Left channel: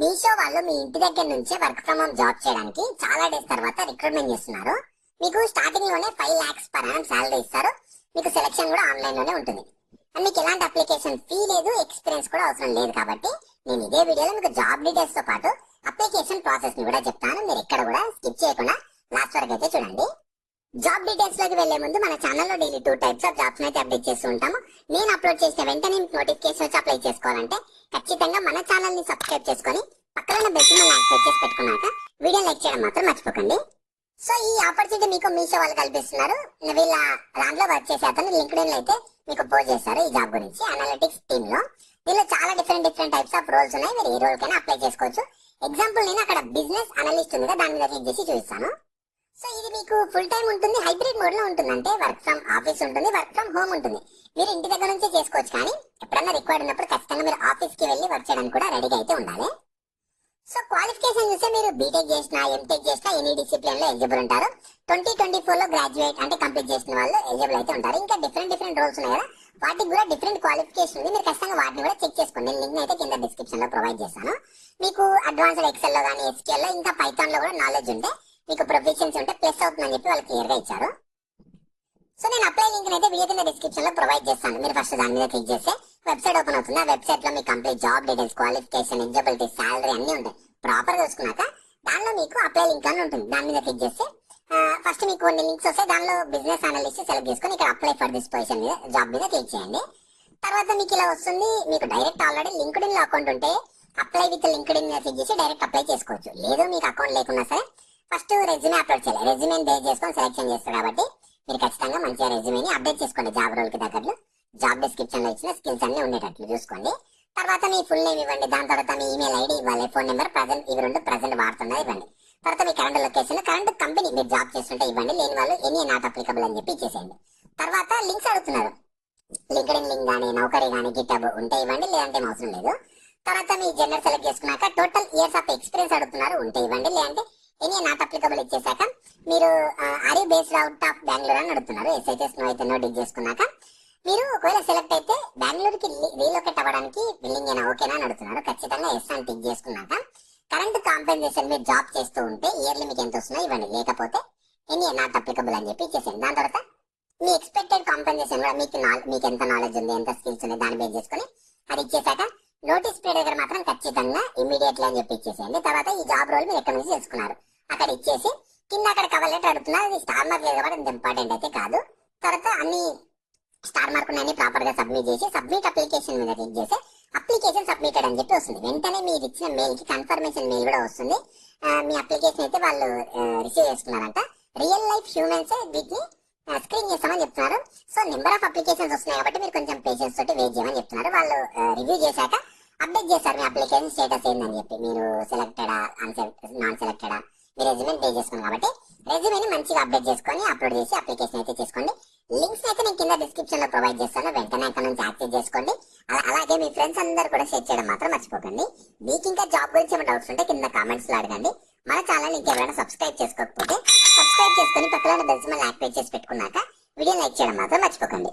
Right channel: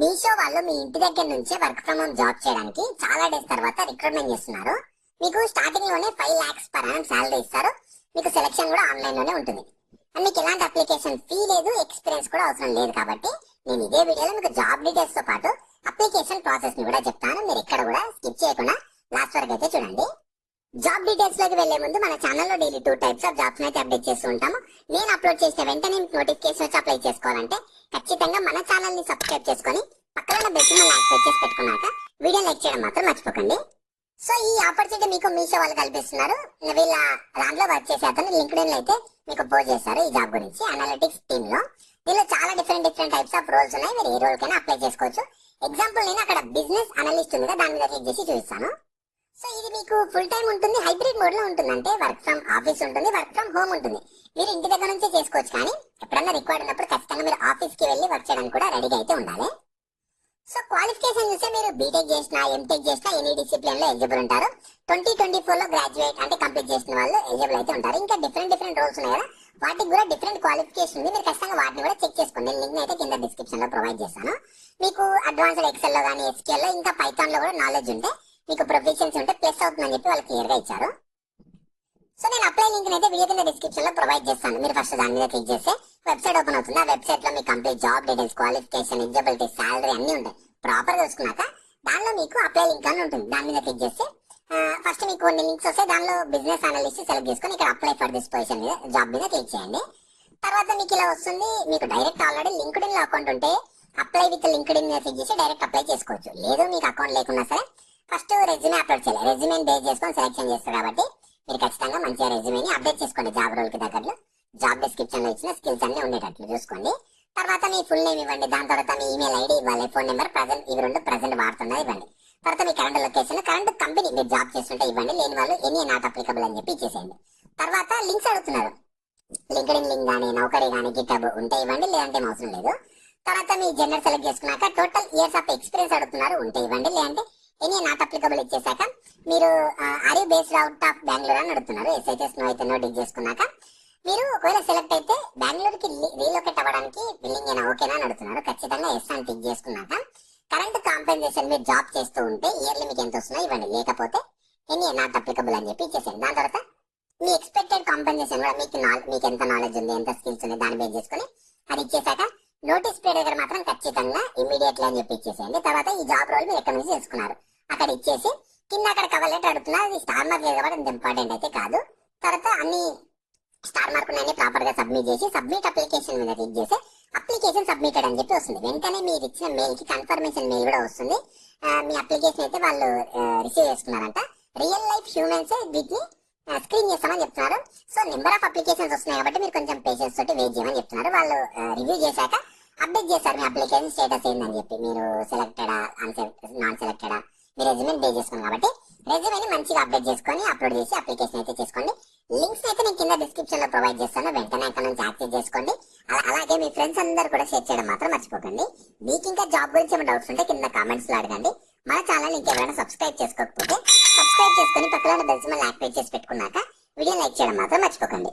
మీషో వాళ్ళు మీ ఇంటి దగ్గర నుంచే వర్క్ ఫ్రమ్ హోమ్ జాబ్ చేయడానికి చాలా డేస్ తర్వాత రిక్రూట్మెంట్ చేస్తున్నారు. మీకు స్టార్టింగ్ లోనే 5 lakhs per annum శాలరీ ఇస్తారు. మీకు సెలక్షన్ కూడా ఆన్లైన్ లోనే ఉంటుంది. అండ్ మీకు ఎలాంటి అప్లికేషన్ ఫీ లేదు, ఎక్స్పీరియన్స్ కూడా అవసరం లేదు. కాబట్టి నేను ఇదే వీడియోలో మీకు జాబ్ డీటెయిల్స్ తో పాటు అప్లికేషన్ ప్రాసెస్ ని కూడా చెప్తాను. మీరు ఎక్కడ కూడా స్కిప్ చేయకుండా లాస్ట్ వరకు అయితే చూడండి. జాబ్ డీటెయిల్స్ లోకి వెళ్లే ముందు మన ఛానల్లో డైలీ 2 types ఆఫ్ జాబ్స్ అయితే అప్డేట్ చేస్తూ ఉంటాము. నేను అప్లోడ్ చేసిన వెంటనే నోటిఫికేషన్ వచ్చి అప్లై చేసుకోవాలంటే ఖచ్చితంగా మన ఛానల్ ని సబ్స్క్రైబ్ చేసుకొని పక్కన బెల్ సింబల్ యాక్టివేట్ చేసి పెట్టుకున్నాక వీడియో లైక్ చేయడం మాత్రం మర్చిపోకండి. సో ఈ ఆపర్చునిటీ మీకు మీషో వాళ్ళు కల్పిస్తున్నారు. వీళ్ళ దాంట్లో వర్క్ చేసే అతను లింక్డ్ఇన్ లో అయితే మీకు పోస్ట్ చేశారు ఈ జాబ్ గురించి. అనలిటిక్స్ టీమ్ లో దీనిలో చాలా డిఫరెంట్ టైప్స్ ఆఫ్ రోల్స్ ఉన్నాయి. మీరు ఏ రోల్ కైనా అప్లై చేసుకోవచ్చు. ఎగ్జాంపుల్ నేను అక్కడ బిజినెస్ అనలిస్ట్ ఉంది, దాని మీద క్లిక్ చేసి చూపిస్తాను. సో ఇది మీకు ఫుల్ టైం ఉంటుంది, హైబ్రిడ్ మోడ్ లో ఉంటుంది. అంటే వర్క్ ఫ్రమ్ ఆఫీస్ ఉంటుంది, వర్క్ ఫ్రమ్ హోమ్ ఉంటుంది. మీరు ఇంటి దగ్గర నుంచి చేసుకోవచ్చు, కానీ ఎప్పుడన్నా రిక్వైర్డ్ ఉన్నప్పుడు ఖచ్చితంగా మీరు ఆఫీస్ కి వెళ్ళి వర్క్ చేయడానికి కూడా రెడీగా అయితే ఉండాలి. సో క్వాలిఫికేషన్ చూస్తే మీరు బీటెక్ చేసినా, ఎంటెక్ చేసినా ఎనీ డిసిప్లిన్ లో ఎలిజిబుల్ ఉంటారు. 2024 లో గ్రాడ్యుయేట్ అంటే కంప్లీట్ చేసిన వాళ్ళు ఎలిజిబుల్ అయితే ఉంటారు. ఇంకా డిఫరెంట్ రోల్స్ ఉన్నాయి కదా, వాటికి కూడా డిఫరెంట్ క్వాలిఫికేషన్ ఉంది. మీరు ఖచ్చితంగా వాటిని కూడా చెక్ చేసుకోండి. నేను లింక్ అయితే కింద డిస్క్రిప్షన్ లో ప్రొవైడ్ చేస్తాను. మీకు అడ్వాన్స్డ్ ఎక్సెల్ లో కానీ, ఎస్క్యూఎల్ లో, ఇంకా పైథాన్ లో కూడా నాలెడ్జ్ ఉంటే, మీకు ప్రొఫెషన్స్ ఉంటే ప్లస్ అవుతుందని చెప్పి వాళ్ళు క్లియర్ గా ఇచ్చారు. సో నేను అప్లై లింక్ అయితే వీడియో కింద డిస్క్రిప్షన్ లో ప్రొవైడ్ చేస్తాను. మీరు ఫస్ట్ దాని మీద క్లిక్ చేస్తే వెబ్సైట్ ఓపెన్ అవుతుంది. ఆ వెబ్సైట్ లో మీ complete job details, qualification, eligibility, salary అన్ని ఉంటాయి. ప్రాపర్ గా చూసుకున్నాక దానిలో మీకు అప్లై లింక్ అని ఉంటుంది. దాని మీద క్లిక్ చేస్తే ఫస్ట్ మీకు కొన్ని లింక్స్ వస్తాయి. దానిలో బిజినెస్ అనలిస్ట్ సెలెక్ట్ చేసుకొని ఇక్కడ అప్లై ఫర్ దిస్ పొజిషన్ మీద జాబ్ మీద క్లిక్ చేయండి. తర్వాత మీకు ఇలా వస్తుంది. మీకు డైరెక్ట్ ఆల్రెడీ లింక్డ్ఇన్ లో అకౌంట్ ఉంటే అప్లై విత్ లింక్డ్ఇన్ మీద క్లిక్ చేసి డైరెక్ట్ అప్లై చేసుకోవచ్చు. లేదు మీకు అకౌంట్ లేకున్నా సరే ఫస్ట్ రెజ్యూమే అప్లోడ్ చేయాలి. రెజ్యూమే బేస్ చేసుకొని సెలెక్షన్ చేస్తారు కాబట్టి మీరు ఖచ్చితంగా మంచిగా రెజ్యూమేని అప్డేట్ చేసుకోండి. జాబ్ రోల్ కి తగ్గట్లు జాబ్ డిస్క్రిప్షన్ లో ఇచ్చిన స్కిల్స్ అన్ని ఉండేటట్లు చూసుకోండి. తర్వాత మీ ఫుల్ నేమ్ ఇవ్వండి. దాని తర్వాత మీ ఈమెయిల్ ఐడి ఇవ్వాలి, ఫోన్ నెంబర్ ప్రజెంట్ ఇవి రెండు ప్రజెంట్ వాడుతున్నది ఇవ్వండి. తర్వాత మీ కరెంట్ లొకేషన్, కరెంట్ కంపెనీ మీరు జాబ్ చేస్తుంటే ఇవ్వండి. లేని వాళ్ళు ఎనీ నాట్ అప్లికబుల్ అని చెప్పి ఇచ్చేసేయండి. తర్వాత లింక్స్ అడుగుతున్నారు. లింక్డ్ఇన్ లింక్ కానీ, నౌకరీ కానీ, గిటబ్ ఉంటే ఇవ్వండి, లేదంటే అవసరం లేదు. తర్వాత మీ జెండర్ సెలెక్ట్ చేసుకున్నాక టోటల్ ఇయర్స్ ఆఫ్ ఎక్స్పీరియన్స్ అడుగుతున్నారు, ఉంటే ఇవ్వండి, లేదంటే ఎనీ నాట్ అప్లికబుల్ ఇచ్చేసాక మీరు are you based out of Bengaluru అని అడుగుతున్నారు. ఎస్ఐటీఎస్ నో అయితే నో టిక్ చేసుకున్నాక మీరు ఒకవేళ సెలెక్ట్ అయితే బెంగళూరుకి రీలొకేట్ అవ్వడానికి బిల్లింగ్ అయినా ఓకేనా అని అడుగుతున్నారు. ఖచ్చితంగా ఎస్ అని టిక్ చేసుకున్నాక కరెంట్ కాంపెన్సేషన్ మీరు జాబ్ చేస్తూ ఉంటే ఇయర్లీ మీకు ఎంత వస్తుందో ఇవ్వండి, లేకపోతే ఎనీ నాట్ అప్లికబుల్ అని చెప్పి ఇచ్చేసాను. దాని తర్వాత మీ ఎక్స్పెక్టెడ్ కాంపెన్సేషన్ కూడా మీకు ఎంత నాలెడ్జ్ ఉంది, ఎంత స్కిల్స్ ఉంది దాన్ని బేస్ చేసుకుని అది ఇచ్చేసాక నోటీస్ పీరియడ్ దగ్గర మాత్రం ఖచ్చితంగా ఇమీడియట్లీ అని చెప్పి ఇచ్చేసేయండి. తర్వాత ఈ జాబ్ రోల్ మీరు ఎక్కడి నుంచి చేసుకున్నారు అక్కడ ఇచ్చేసి కింద అక్కడ కవర్ లెటర్ అడుగుతున్నారు. అది స్టార్ మార్క్ లేదు కాబట్టి అంత ఇంపార్టెంట్ అయితే కాదు. తర్వాత అన్ని స్టార్ మార్క్ అన్ని ప్రాపర్ గా సబ్మిట్ చేసి సబ్మిట్ అప్లికేషన్ మీద క్లిక్ చేసి అప్లికేషన్ సబ్మిటెడ్ అని చెప్పి వస్తుంది. వెంటనే మీరు ఇచ్చిన మెయిల్ కి కన్ఫర్మేషన్ మెయిల్ కూడా వస్తుంది. మీ అప్లికేషన్ అయితే వాళ్ళు రిసీవ్ చేసుకున్నారంట. రియల్ లైఫ్ హ్యూమన్స్ వీటిని స్క్రీన్ చేస్తామని చెప్తున్నారు. సో నెంబర్ ఆఫ్ అప్లికేషన్స్ వస్తున్నాయి కాబట్టి మీరు కొంచెం పేషెన్స్ తోటి వెయిట్ చేయమని చెప్తున్నారు. వాళ్ళు రివ్యూ చేశాక అప్డేట్ చేస్తారు మీ అప్లికేషన్ స్టేటస్ ఏందని చెప్పి. మీరు సెలెక్టెడా, నాన్ సెలెక్టెడా, మీ రెజ్యూమే బేస్ చేసుకున్నారు కాబట్టి రెజ్యూమేని మంచిగా అప్డేట్ చేసుకొని అప్లోడ్ చేసి అప్లికేషన్ అయితే చేసుకోండి. లింక్స్ అయితే నేను కింద డిస్క్రిప్షన్ లో ప్రొవైడ్ చేస్తాను. వెంటనే అక్కడ నుంచి యాక్సెస్ చేసుకోండి. అలాగే మీ ఫ్రెండ్స్ అందరు కూడా షేర్ చేయడం మాత్రం మర్చిపోకండి. మీకు ఇంకా జాబ్ గురించి ఏమైనా డౌట్స్ ఉంటే కింద కామెంట్స్ లో అడగండి. మన ఛానల్ ఇంకెవరైనా సబ్స్క్రైబ్ చేసుకోకపోతే సబ్స్క్రైబ్ చేసుకుని పక్కన బెల్ సింబల్ యాక్టివేట్ చేసి పెట్టుకున్నాక వీడియో లైక్ చేయడం మాత్రం మర్చిపోకండి.